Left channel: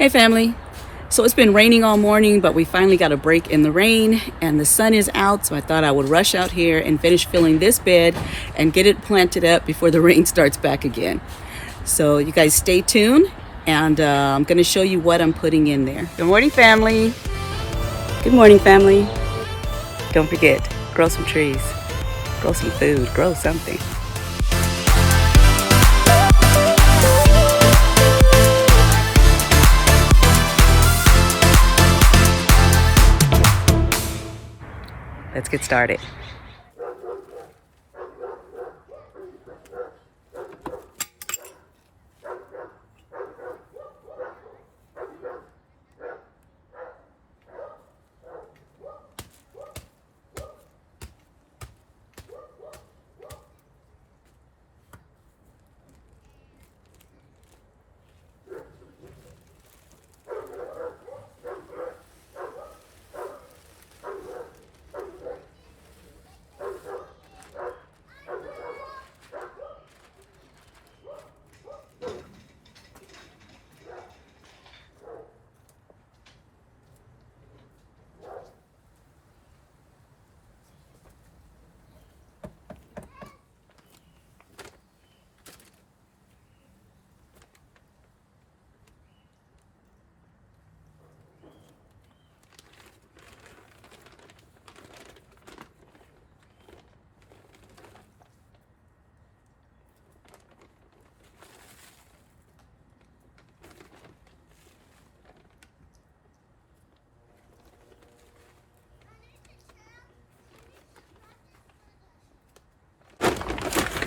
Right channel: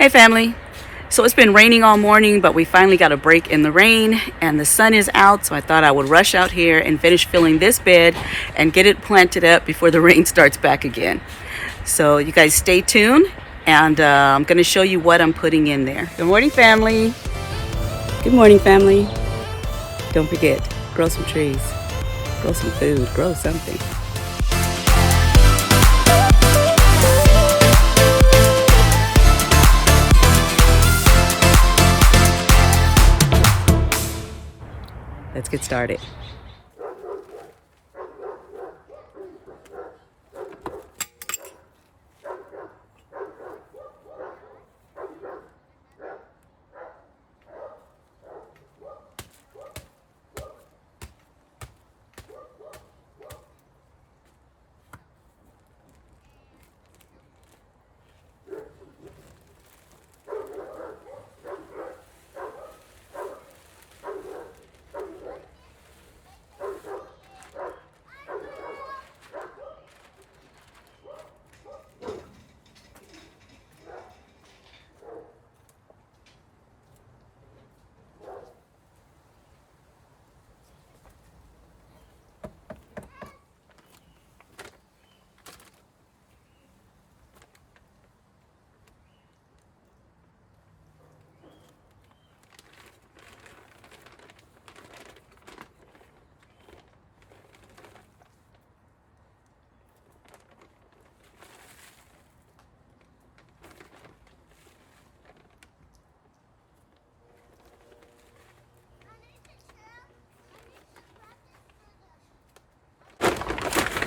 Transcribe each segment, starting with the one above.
Hey family. So it's been raining all morning, but we finally got a break in the rain and the sun is out, so I thought I would rush out here and finish filling this bed and get it planted up before the rain starts back again. So you guys stay tuned and I'm going to show you what I'm putting in there. Good morning family. Good morning family. Don't forget, grow some trees, grow some food, grow something. Let's get started.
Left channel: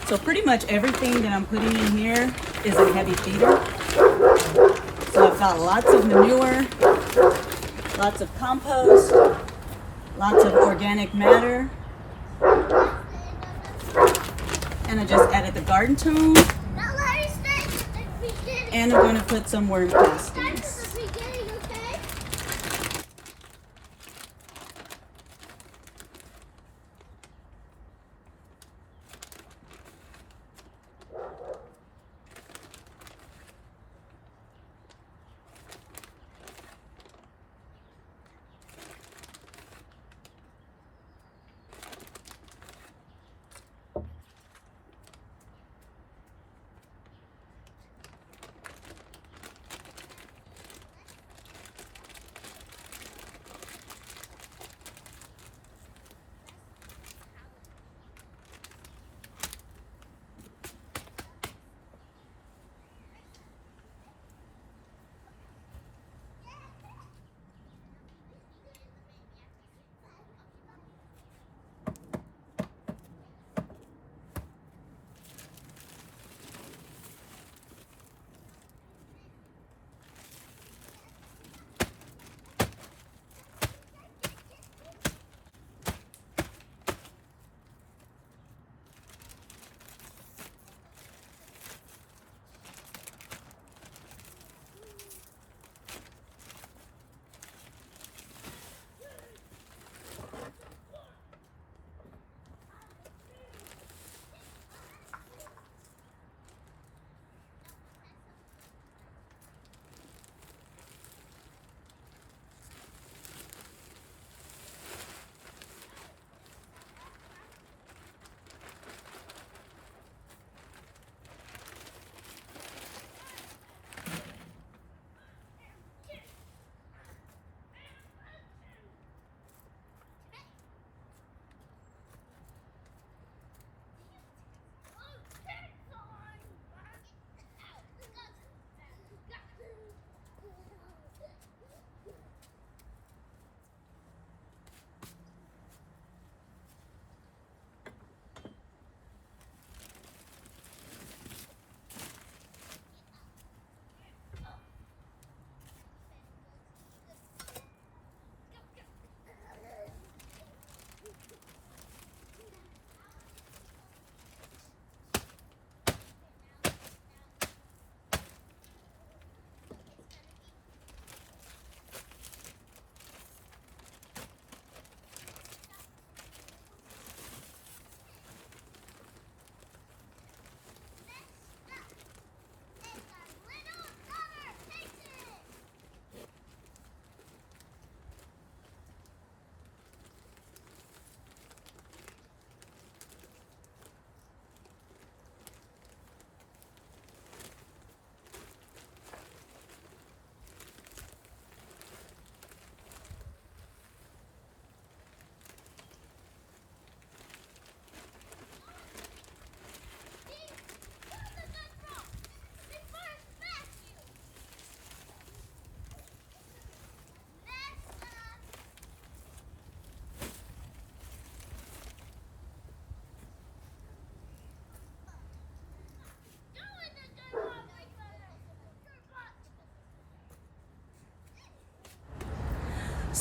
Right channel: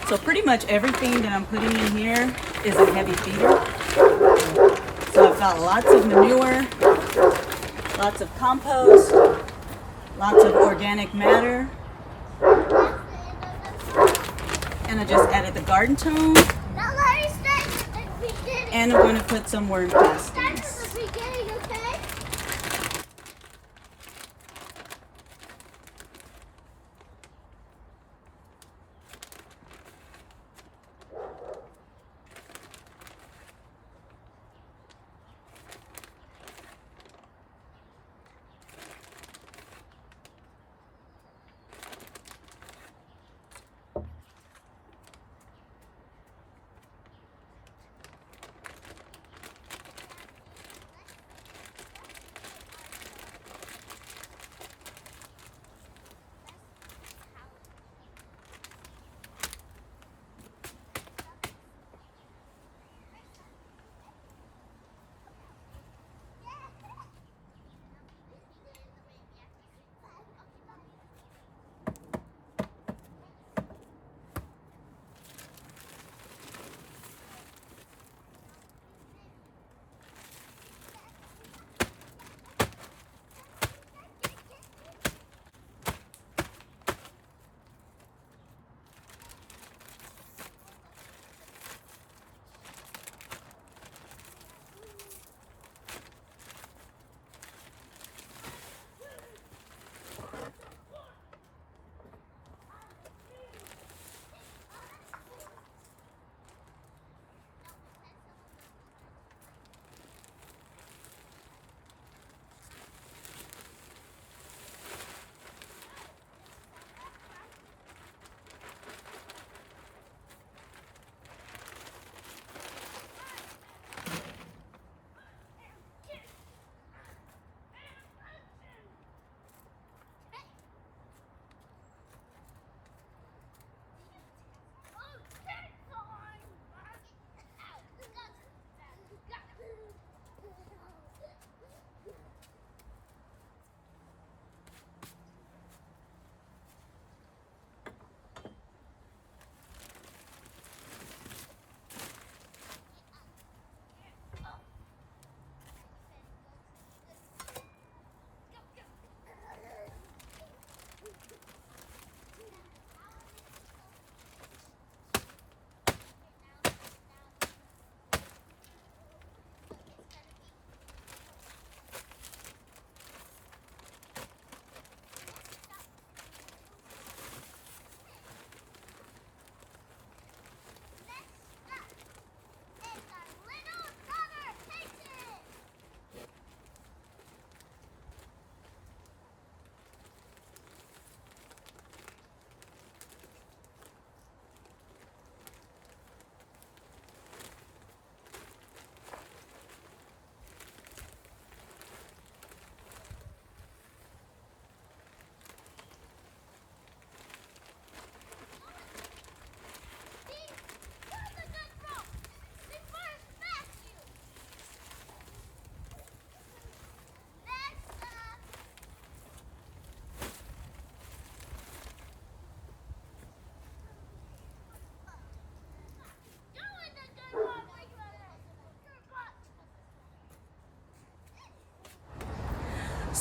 So pretty much everything that I'm putting in here is a heavy feeder. So I've got lots of manure, lots of compost, lots of organic matter, and I just added the garden tone, and I'm going to put some worm castings.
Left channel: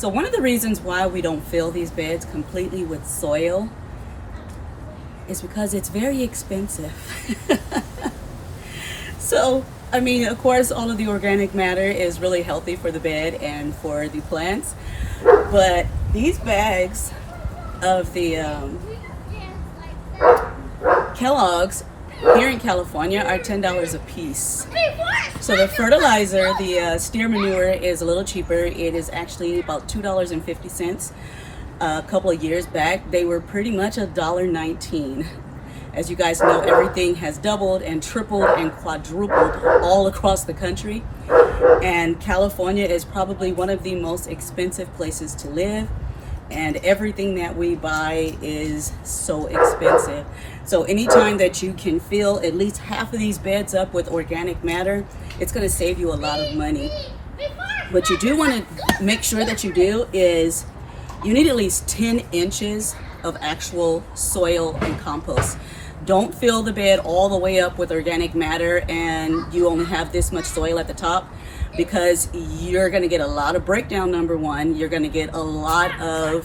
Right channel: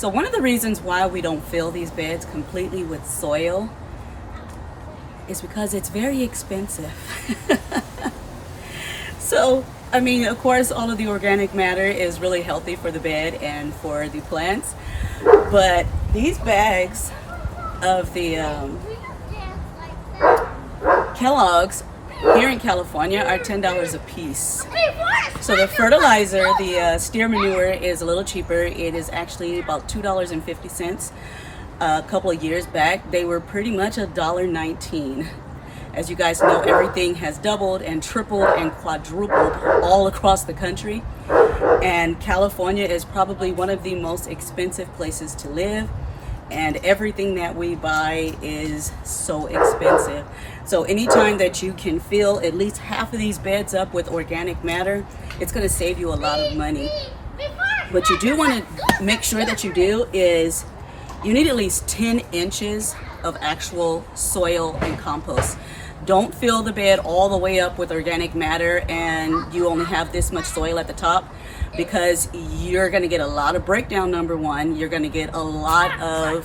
So one of the reasons why we don't fill these beds completely with soil is because it's very expensive. So, I mean, of course, all of the organic matter is really healthy for the bed and for the plants. But these bags of the Kellogg's here in California are $10 a piece. So the fertilizer, the steer manure, is a little cheaper. It is actually about $2.50. A couple of years back, they were pretty much $1.19. As you guys know, everything has doubled and tripled and quadrupled all across the country. And California is probably one of the most expensive places to live. And everything that we buy is so expensive. So anytime that you can fill at least half of these beds up with organic matter, it's going to save you a lot of money. What you do want to make sure that you do is you need at least 10 inches of actual soil and compost. Don't fill the bed all the way up with organic matter and you only have this much soil at the top, because you're going to get a lot of breakdown. Number one, you're going to get a lot of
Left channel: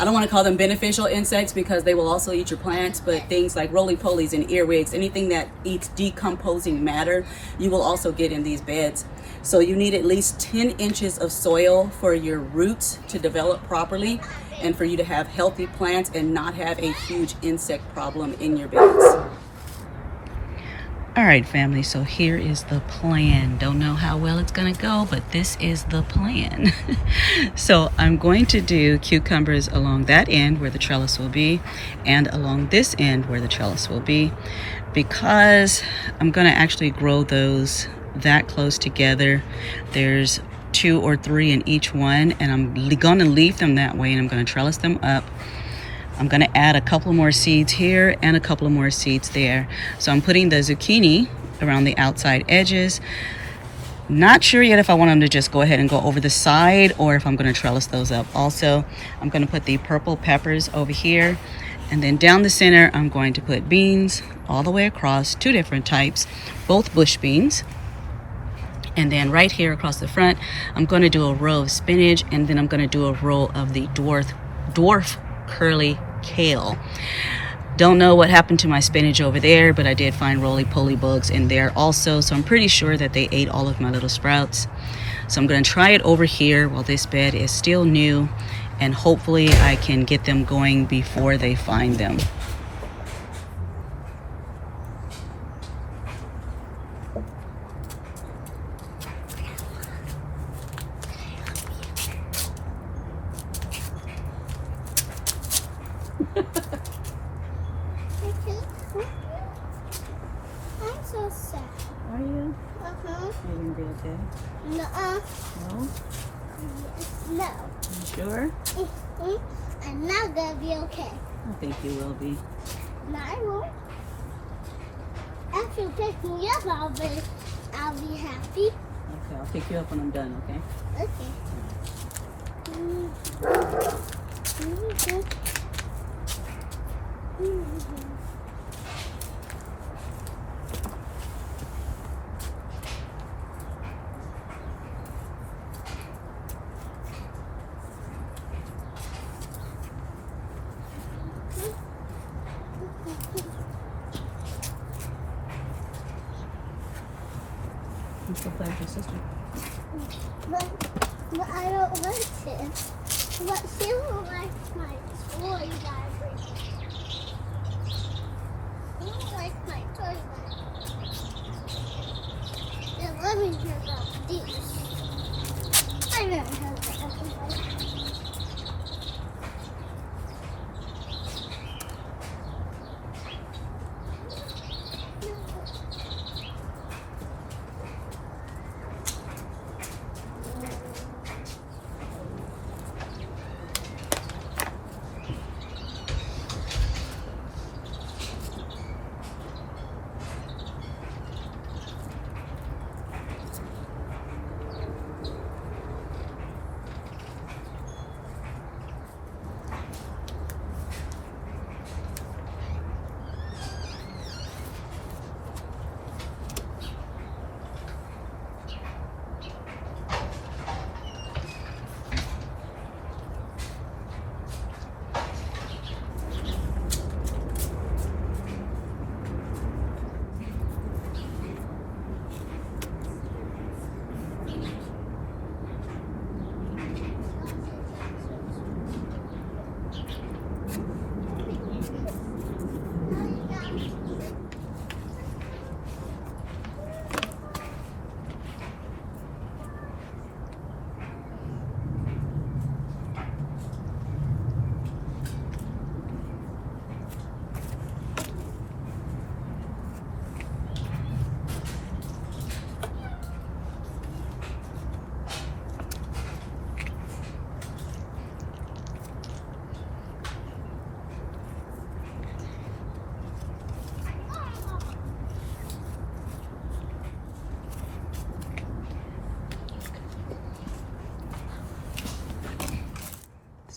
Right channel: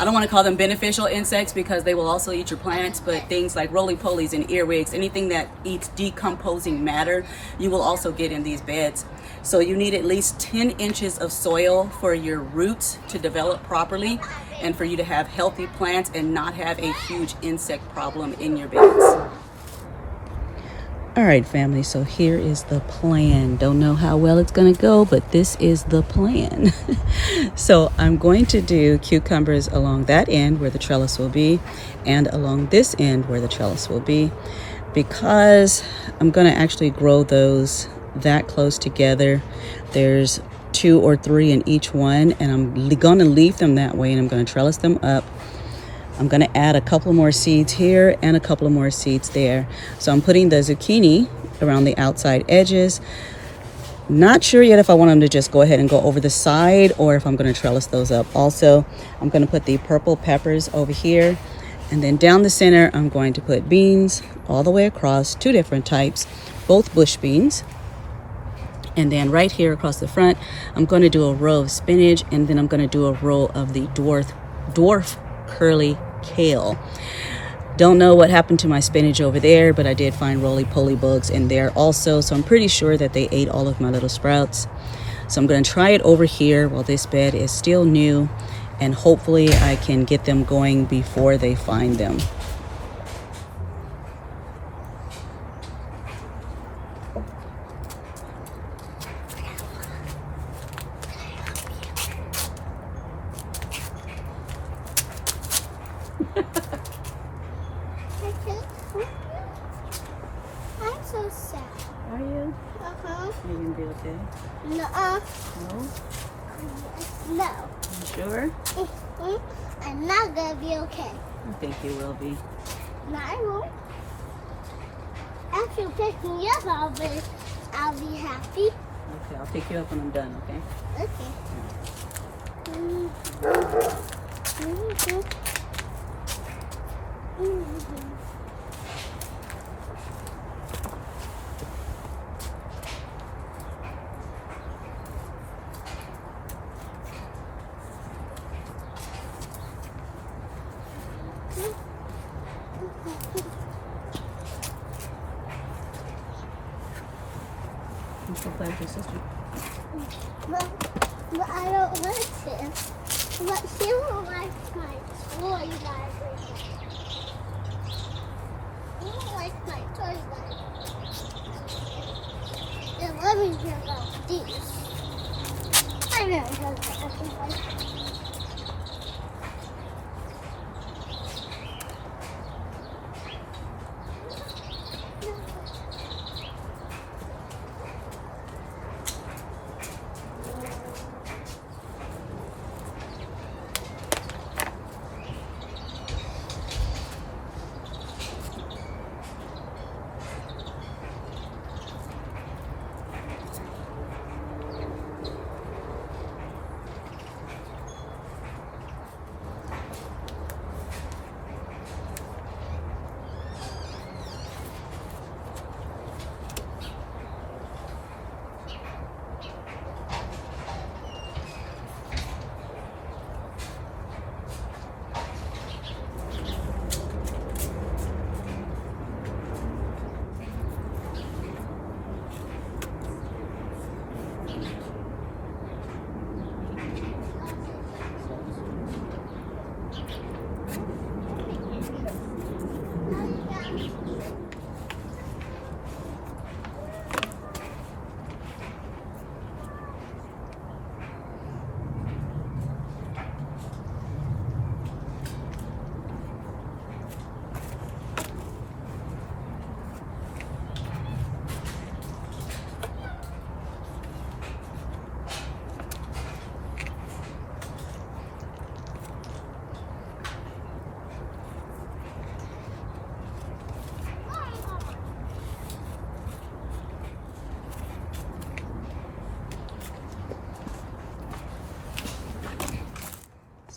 I don't want to call them beneficial insects because they will also eat your plants, but things like roly-polies and earwigs, anything that eats decomposing matter, you will also get in these beds. So you need at least 10 inches of soil for your roots to develop properly and for you to have healthy plants and not have a huge insect problem in your beds. All right, family, so here is the plan. Don't know how well it's going to go, but this is the plan. So I'm going to do cucumbers along that end where the trellis will be and along this end where the trellis will be, because I'm going to actually grow those that close together. There's 2 or 3 in each one, and I'm going to leave them that way, and I'm going to trellis them up. I'm going to add a couple more seeds here and a couple more seeds there. So I'm putting the zucchini around the outside edges. Not sure yet if I want them to just go ahead and go over the side or if I'm going to trellis those up. Also, I'm going to put the purple peppers over here. And then down the center, I'm going to put beans all the way across, 2 different types, both bush beans. And then right here across the front, I'm going to do a row of spinach, and then I'm going to do a row of the dwarf curly kale. Don't know what happened to my spinach over there, but I did find roly-poly bugs in there also, so I'm pretty sure that they ate all of my little sprouts. So I'm going to try it over here while this bed is still new, and hopefully I can get them going before they find them. I'm so sad. Are you? Uh-huh. Are you going to be okay? No. No? Yes, no. You sure? I'm not gonna be okay. I think you will be. No, I won't. If you pick me up, I'll be happy. Okay, I'll pick you up when I'm done, okay? Okay. Let's go play with your sister. But I don't like to. But she won't like my toy that I bring. She won't like my toy that I bring. Then let me hear about these. I never heard that.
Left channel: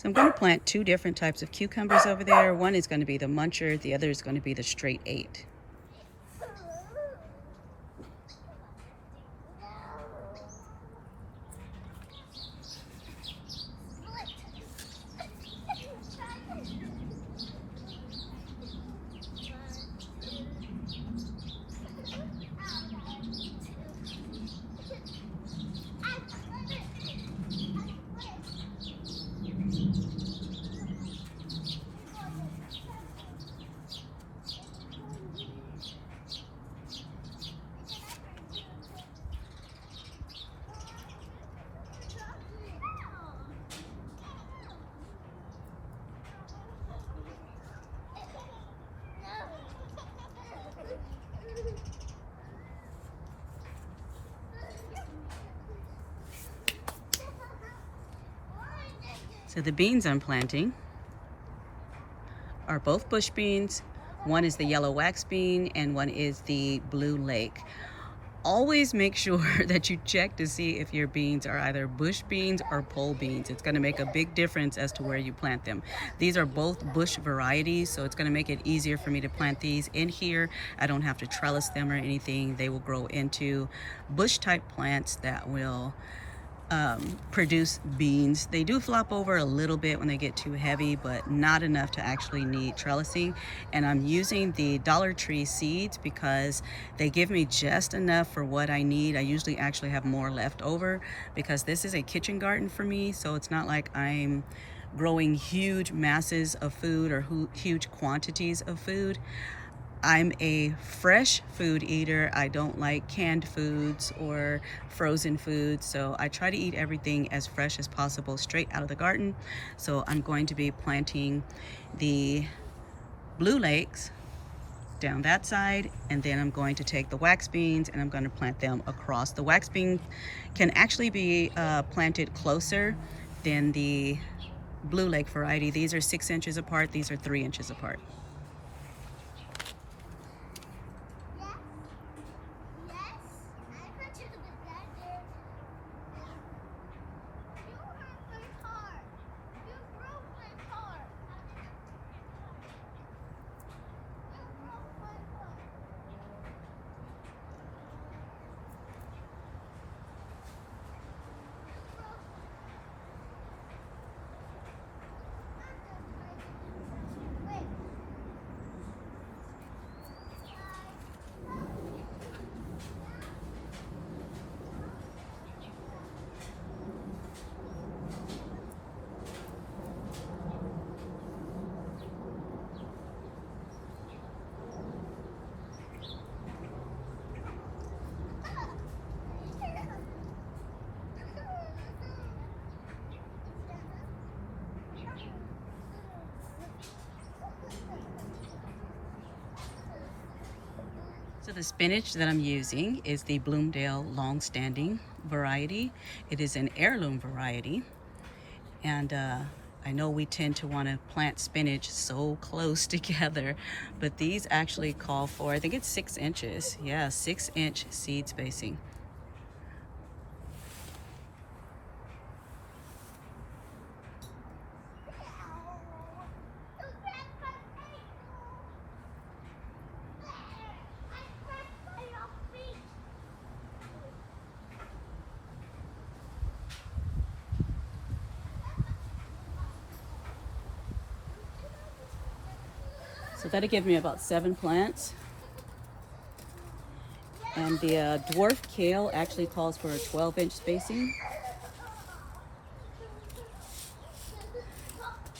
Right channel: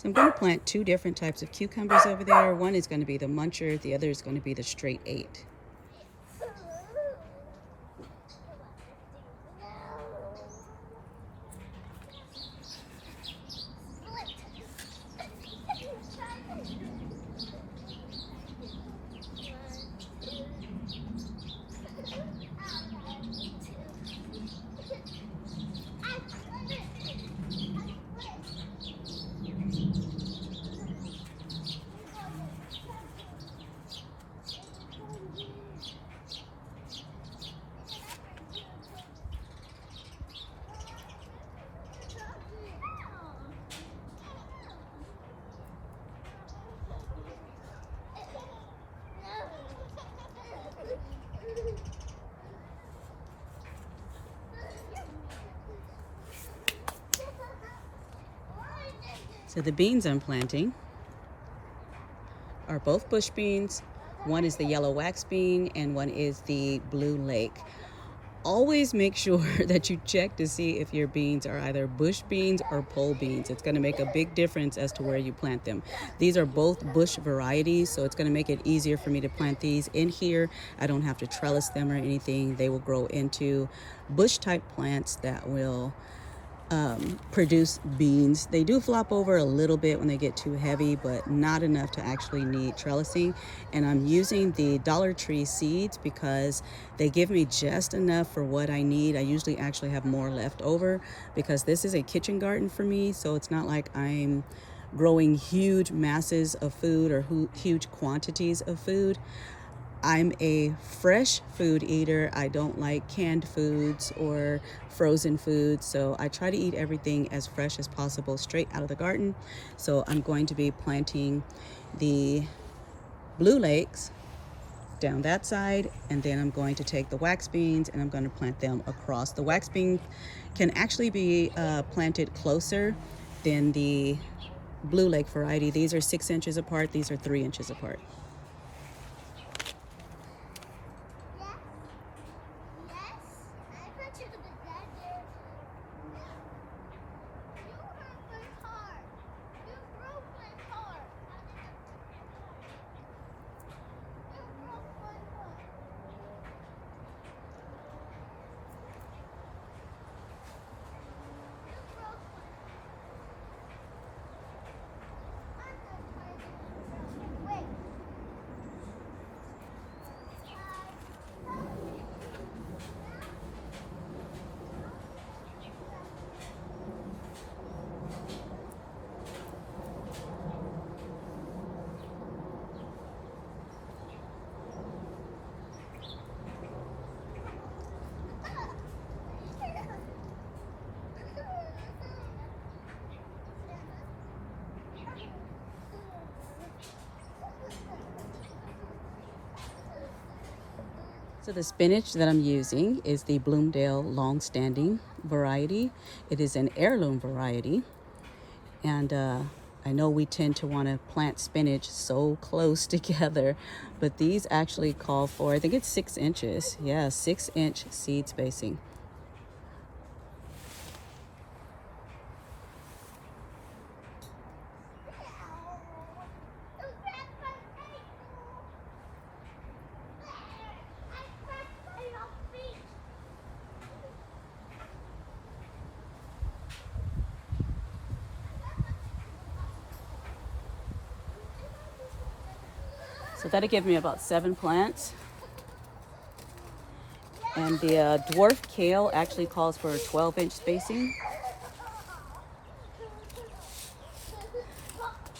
So I'm going to plant two different types of cucumbers over there. One is going to be the muncher, the other is going to be the straight 8. So the beans I'm planting are both bush beans. One is the yellow wax bean and one is the blue lake. Always make sure that you check to see if your beans are either bush beans or pole beans. It's going to make a big difference as to where you plant them. These are both bush varieties, so it's going to make it easier for me to plant these in here. I don't have to trellis them or anything. They will grow into bush type plants that will produce beans. They do flop over a little bit when they get too heavy, but not enough to actually need trellising. And I'm using the Dollar Tree seeds because they give me just enough for what I need. I usually actually have more left over because this is a kitchen garden for me, so it's not like I'm growing huge masses of food or huge quantities of food. I'm a fresh food eater. I don't like canned foods or frozen foods, so I try to eat everything as fresh as possible straight out of the garden. So I'm going to be planting the blue lakes down that side, and then I'm going to take the wax beans and I'm going to plant them across. The wax bean can actually be planted closer than the blue lake variety. These are 6 inches apart. These are 3 inches apart. So the spinach that I'm using is the Bloomdale long-standing variety. It is an heirloom variety, and I know we tend to want to plant spinach so close together, but these actually call for, I think it's 6 inches. Yeah, 6-inch seed spacing. So that'll give me about 7 plants. And the dwarf kale actually calls for a 12-inch spacing.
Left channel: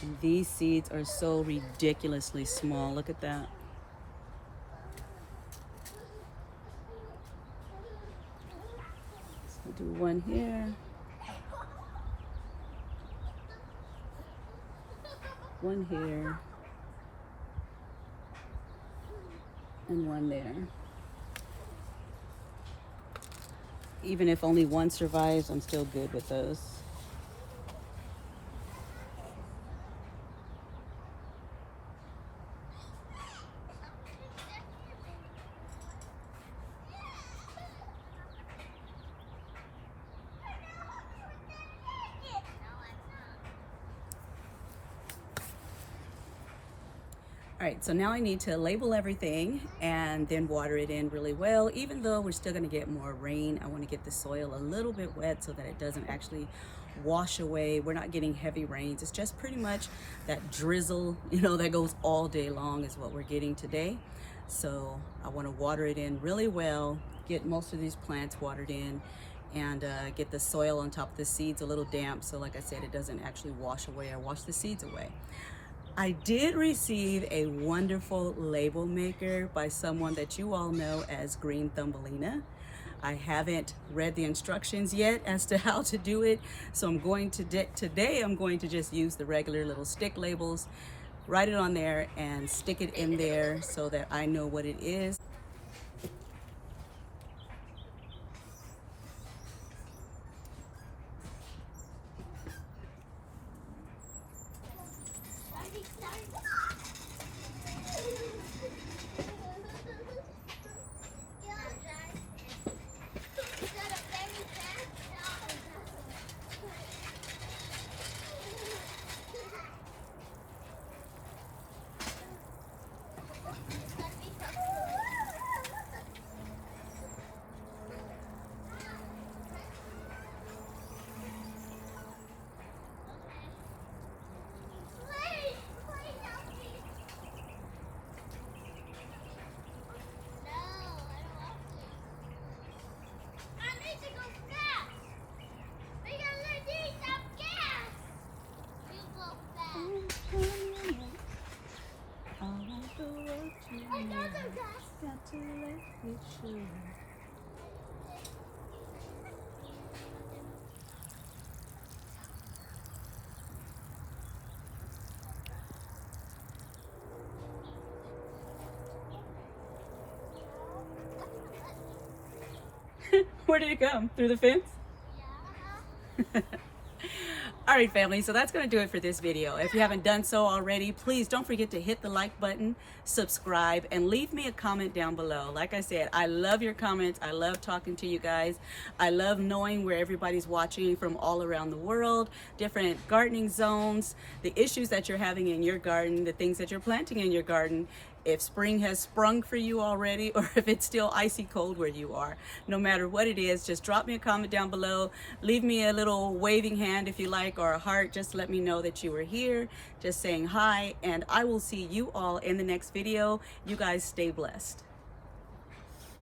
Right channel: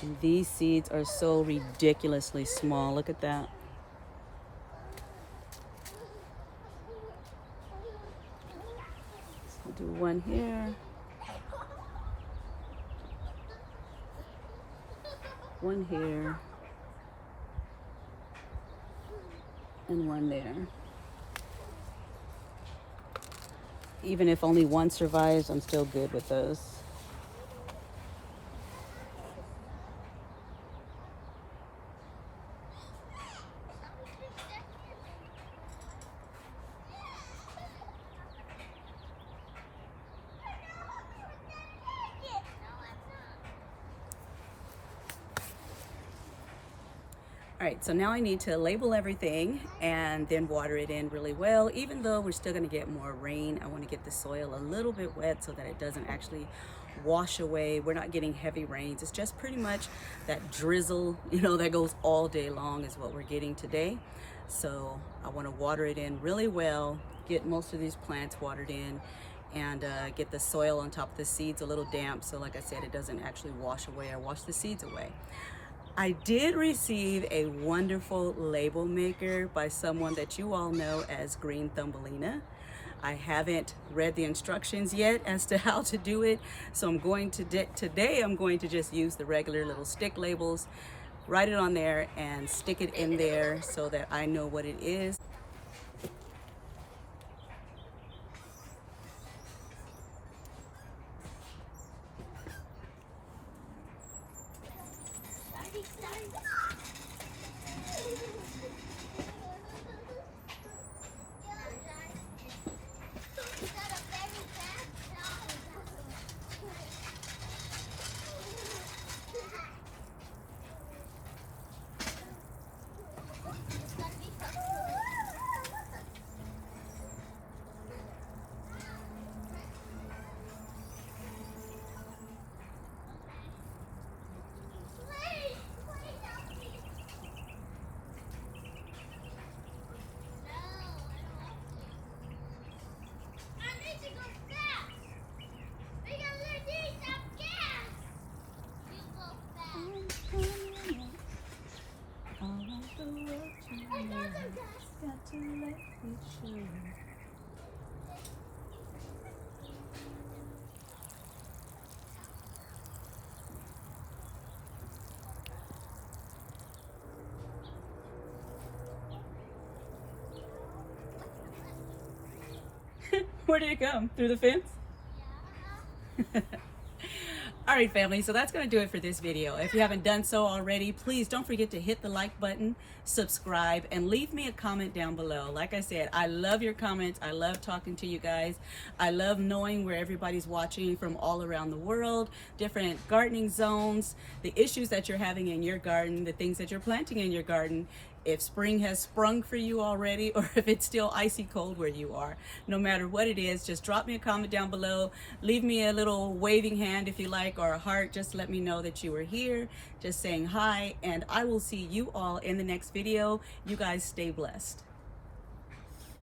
And these seeds are so ridiculously small. Look at that. I'll do one here. One here. And one there. Even if only one survives, I'm still good with those. All right, so now I need to label everything and then water it in really well. Even though we're still gonna get more rain, I wanna get the soil a little bit wet so that it doesn't actually wash away. We're not getting heavy rains. It's just pretty much that drizzle, that goes all day long is what we're getting today. So I wanna water it in really well, get most of these plants watered in, and get the soil on top of the seeds a little damp. So like I said, it doesn't actually wash away or wash the seeds away. I did receive a wonderful label maker by someone that you all know as Green Thumbelina. I haven't read the instructions yet as to how to do it, so I'm going to today I'm going to just use the regular little stick labels, write it on there and stick it in there so that I know what it is. Got to let it show. Where did it come? Through the fence? Yeah. All right, family, so that's going to do it for this video. If you haven't done so already, please don't forget to hit the like button, subscribe, and leave me a comment down below. Like I said, I love your comments. I love talking to you guys. I love knowing where everybody's watching from all around the world, different gardening zones, the issues that you're having in your garden, the things that you're planting in your garden, if spring has sprung for you already or if it's still icy cold where you are. No matter what it is, just drop me a comment down below. Leave me a little waving hand if you like, or a heart. Just let me know that you were here, just saying hi, and I will see you all in the next video. You guys stay blessed.